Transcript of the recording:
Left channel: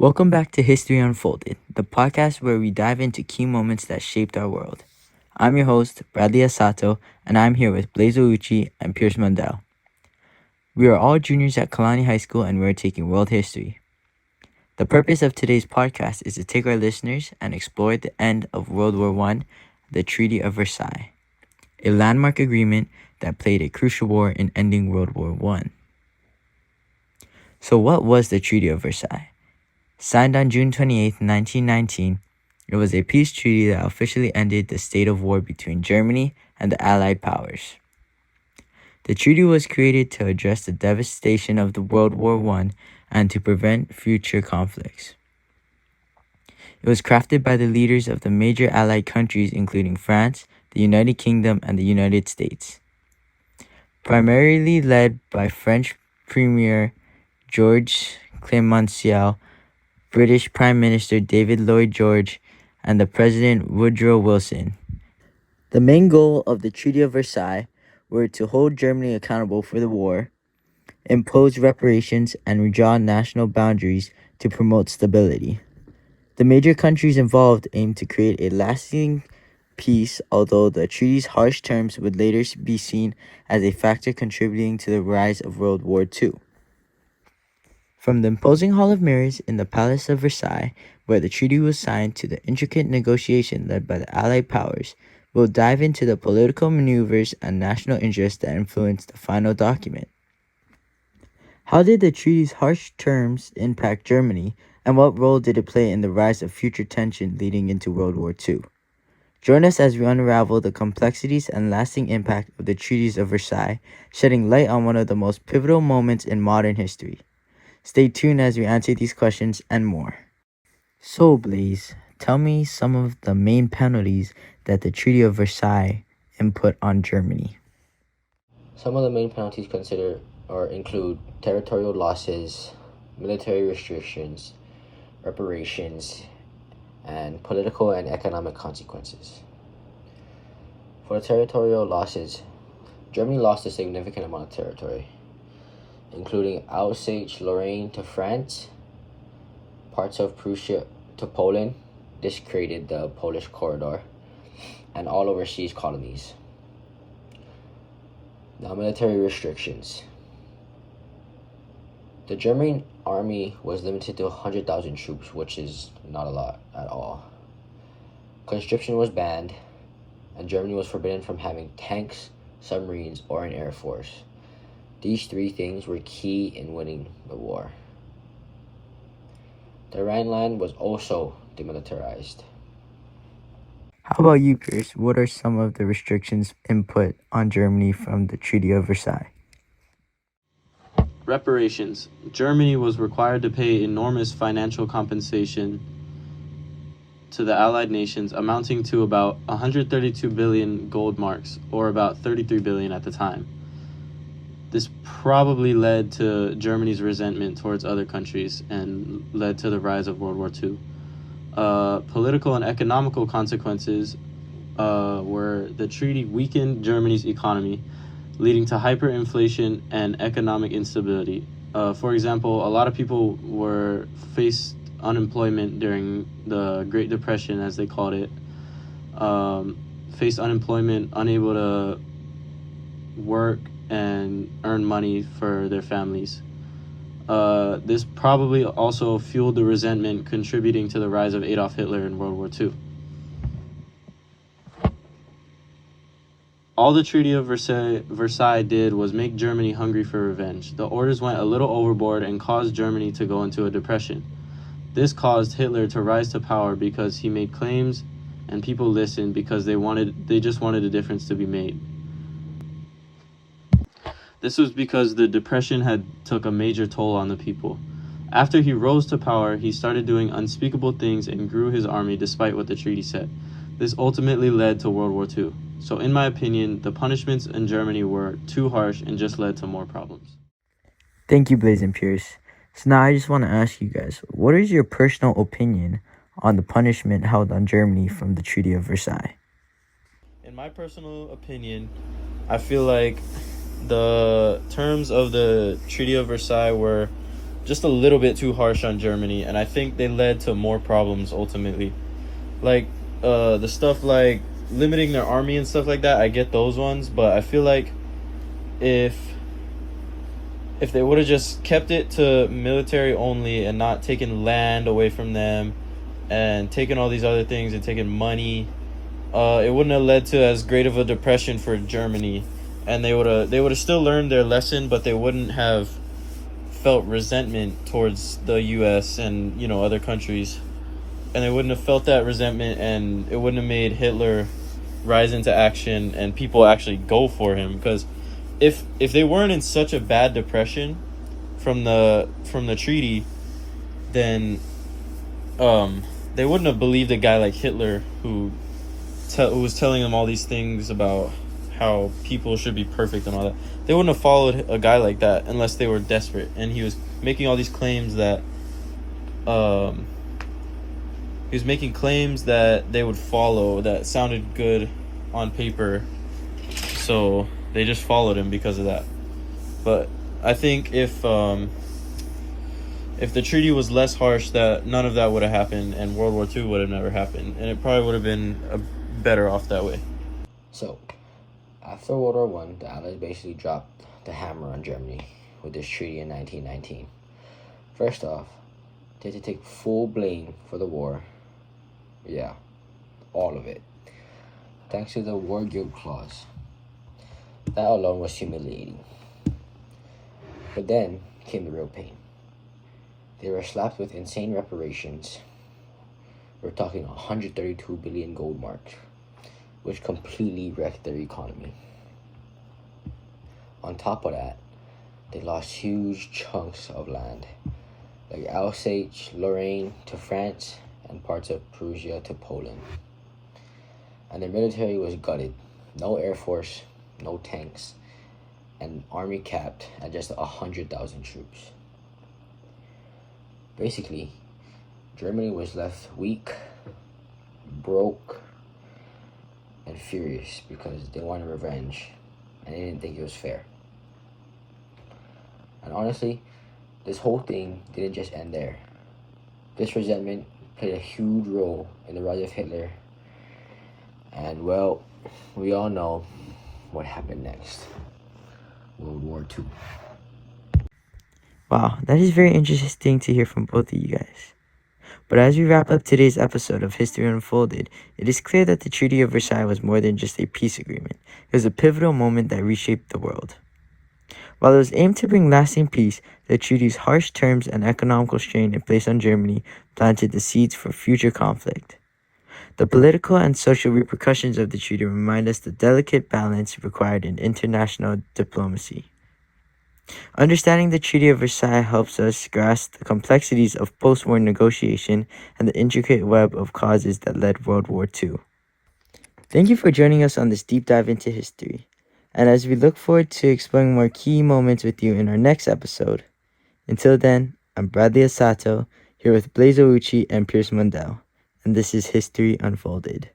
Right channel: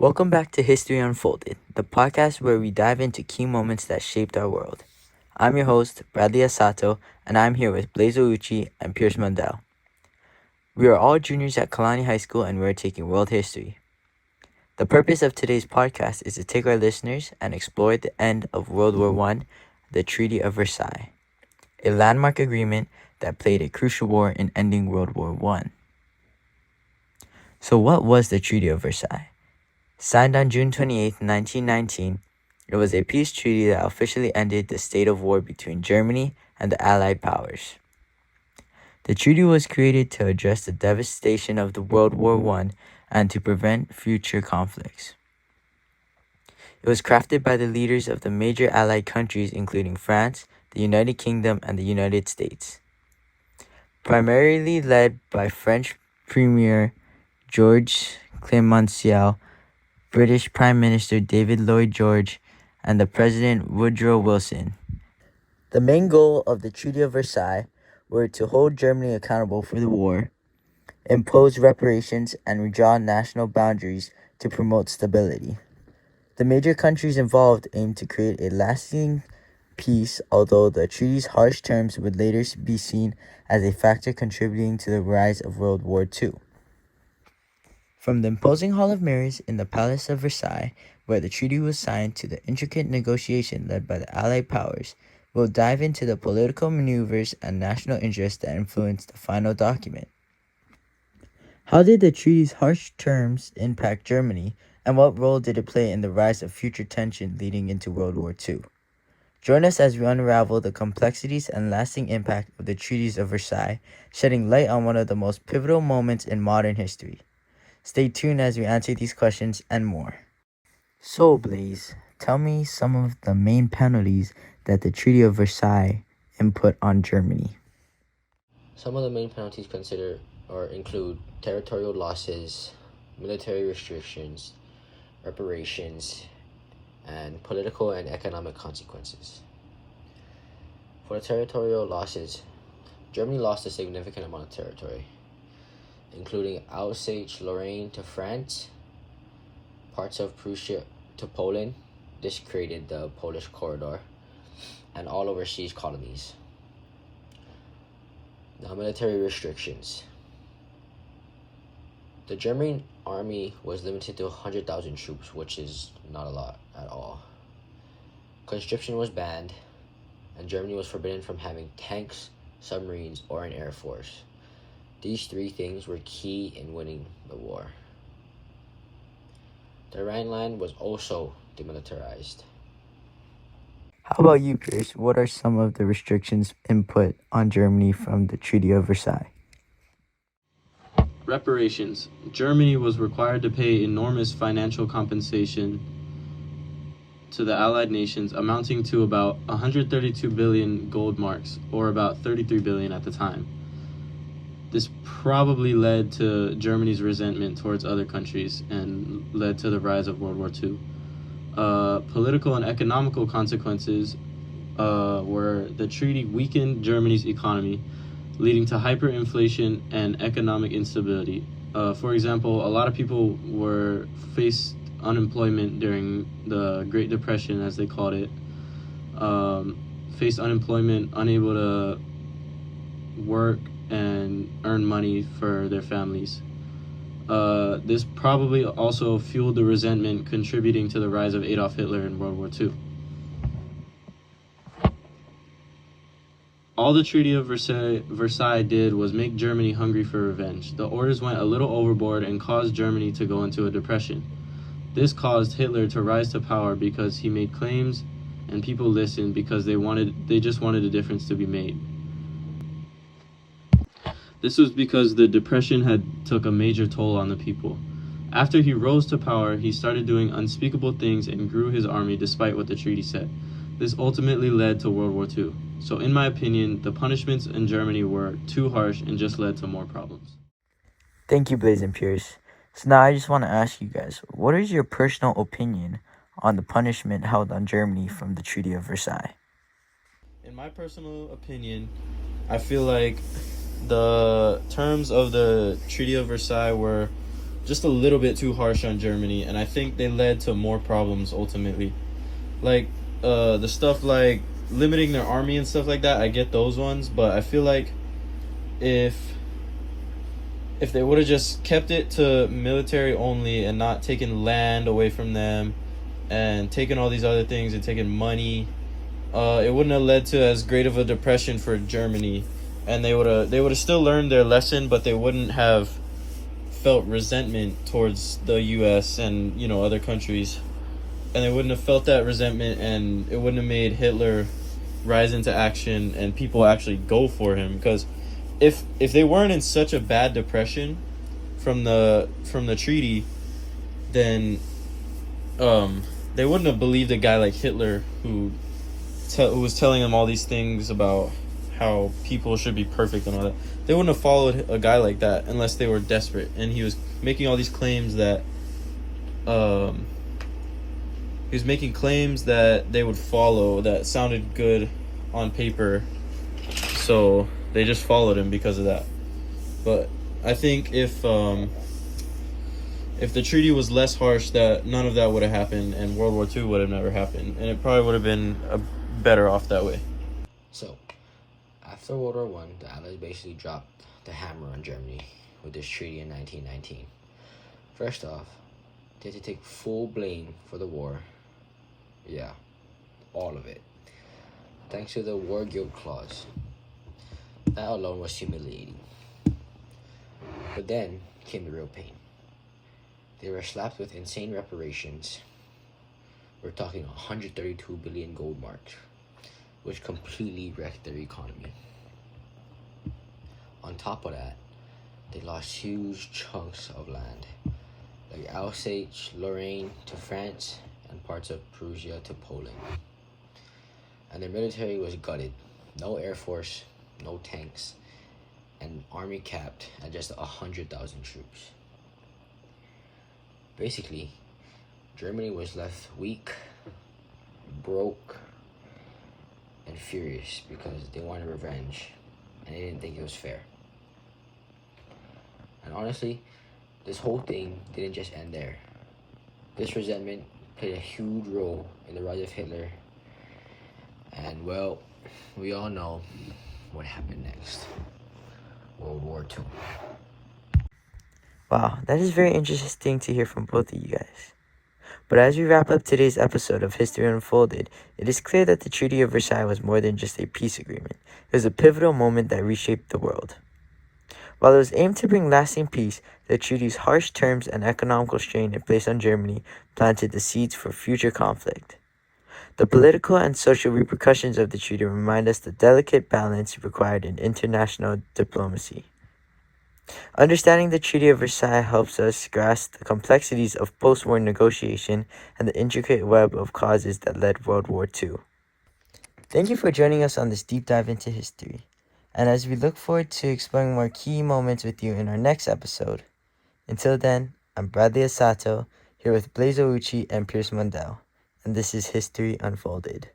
Welcome back to History Unfolded, the podcast where we dive into key moments that shaped our world. I'm your host, Bradley Asato, and I'm here with Ouchi and Mundell. We are all juniors at Kalani High School and we're taking world history. The purpose of today's podcast is to take our listeners and explore the end of World War I, the Treaty of Versailles, a landmark agreement that played a crucial role in ending World War I. So what was the Treaty of Versailles? Signed on June 28, 1919, it was a peace treaty that officially ended the state of war between Germany and the Allied powers. The treaty was created to address the devastation of the World War I and to prevent future conflicts. It was crafted by the leaders of the major Allied countries including France, the United Kingdom, and the United States. Primarily led by French Premier Georges Clemenceau, British Prime Minister David Lloyd George, and the President Woodrow Wilson. The main goal of the Treaty of Versailles were to hold Germany accountable for the war, impose reparations, and redraw national boundaries to promote stability. The major countries involved aimed to create a lasting peace, although the treaty's harsh terms would later be seen as a factor contributing to the rise of World War II. From the imposing Hall of Mirrors in the Palace of Versailles, where the treaty was signed, to the intricate negotiation led by the Allied powers, we'll dive into the political maneuvers and national interests that influenced the final document. How did the treaty's harsh terms impact Germany, and what role did it play in the rise of future tension leading into World War II? Join us as we unravel the complexities and lasting impact of the treaties of Versailles, shedding light on one of the most pivotal moments in modern history. Stay tuned as we answer these questions and more. So, Blaze, tell me some of the main penalties that the Treaty of Versailles input on Germany. Some of the main penalties include territorial losses, military restrictions, reparations, and political and economic consequences. For the territorial losses, Germany lost a significant amount of territory, including Alsace-Lorraine to France, parts of Prussia to Poland. This created the Polish Corridor, and all overseas colonies. Now, military restrictions. The German army was limited to 100,000 troops, which is not a lot at all. Conscription was banned, and Germany was forbidden from having tanks, submarines, or an air force. These three things were key in winning the war. The Rhineland was also demilitarized. How about you, Pierce? What are some of the restrictions input on Germany from the Treaty of Versailles? Reparations. Germany was required to pay enormous financial compensation to the Allied nations, amounting to about 132 billion gold marks, or about 33 billion at the time. This probably led to Germany's resentment towards other countries and led to the rise of World War II. Political and economical consequences were the treaty weakened Germany's economy, leading to hyperinflation and economic instability. For example, a lot of people faced unemployment during the Great Depression, as they called it. Faced unemployment, unable to work and earn money for their families. This probably also fueled the resentment, contributing to the rise of Adolf Hitler in World War II. All the Treaty of Versailles did was make Germany hungry for revenge. The orders went a little overboard and caused Germany to go into a depression. This caused Hitler to rise to power because he made claims and people listened because they just wanted a difference to be made. This was because the depression had took a major toll on the people. After he rose to power, he started doing unspeakable things and grew his army despite what the treaty said. This ultimately led to World War II. So in my opinion, the punishments in Germany were too harsh and just led to more problems. Thank you, Blaze and Pierce. So now I just want to ask you guys, what is your personal opinion on the punishment held on Germany from the Treaty of Versailles? In my personal opinion, I feel like the terms of the Treaty of Versailles were just a little bit too harsh on Germany, and I think they led to more problems ultimately. Like the stuff like limiting their army and stuff like that, I get those ones, but I feel like if they would have just kept it to military only and not taken land away from them and taken all these other things and taken money, it wouldn't have led to as great of a depression for Germany, and they would have still learned their lesson, but they wouldn't have felt resentment towards the US and, you know, other countries. And they wouldn't have felt that resentment, and it wouldn't have made Hitler rise into action and people actually go for him. Because if they weren't in such a bad depression from the treaty, then they wouldn't have believed a guy like Hitler who was telling them all these things about how people should be perfect and all that. They wouldn't have followed a guy like that unless they were desperate. And he was making all these claims that they would follow, that sounded good on paper, so they just followed him because of that. But I think if the treaty was less harsh, that none of that would have happened, and World War II would have never happened, and it probably would have been better off that way. So, after World War I, the Allies basically dropped the hammer on Germany with this treaty in 1919. First off, they had to take full blame for the war. Yeah, all of it. Thanks to the war guilt clause. That alone was humiliating. But then came the real pain. They were slapped with insane reparations. We're talking 132 billion gold marks, which completely wrecked their economy. On top of that, they lost huge chunks of land, like Alsace, Lorraine to France, and parts of Prussia to Poland. And their military was gutted. No air force, no tanks, and army capped at just 100,000 troops. Basically, Germany was left weak, broke, and furious because they wanted revenge and they didn't think it was fair. And honestly, this whole thing didn't just end there. This resentment played a huge role in the rise of Hitler. And well, we all know what happened next. World War II. Wow, that is very interesting to hear from both of you guys. But as we wrap up today's episode of History Unfolded, it is clear that the Treaty of Versailles was more than just a peace agreement. It was a pivotal moment that reshaped the world. While it was aimed to bring lasting peace, the treaty's harsh terms and economical strain it placed on Germany planted the seeds for future conflict. The political and social repercussions of the treaty remind us the delicate balance required in international diplomacy. Understanding the Treaty of Versailles helps us grasp the complexities of post-war negotiation and the intricate web of causes that led World War II. Thank you for joining us on this deep dive into history. And as we look forward to exploring more key moments with you in our next episode. Until then, I'm Bradley Asato, here with Ouchi and Pierce Mundell, and this is History Unfolded.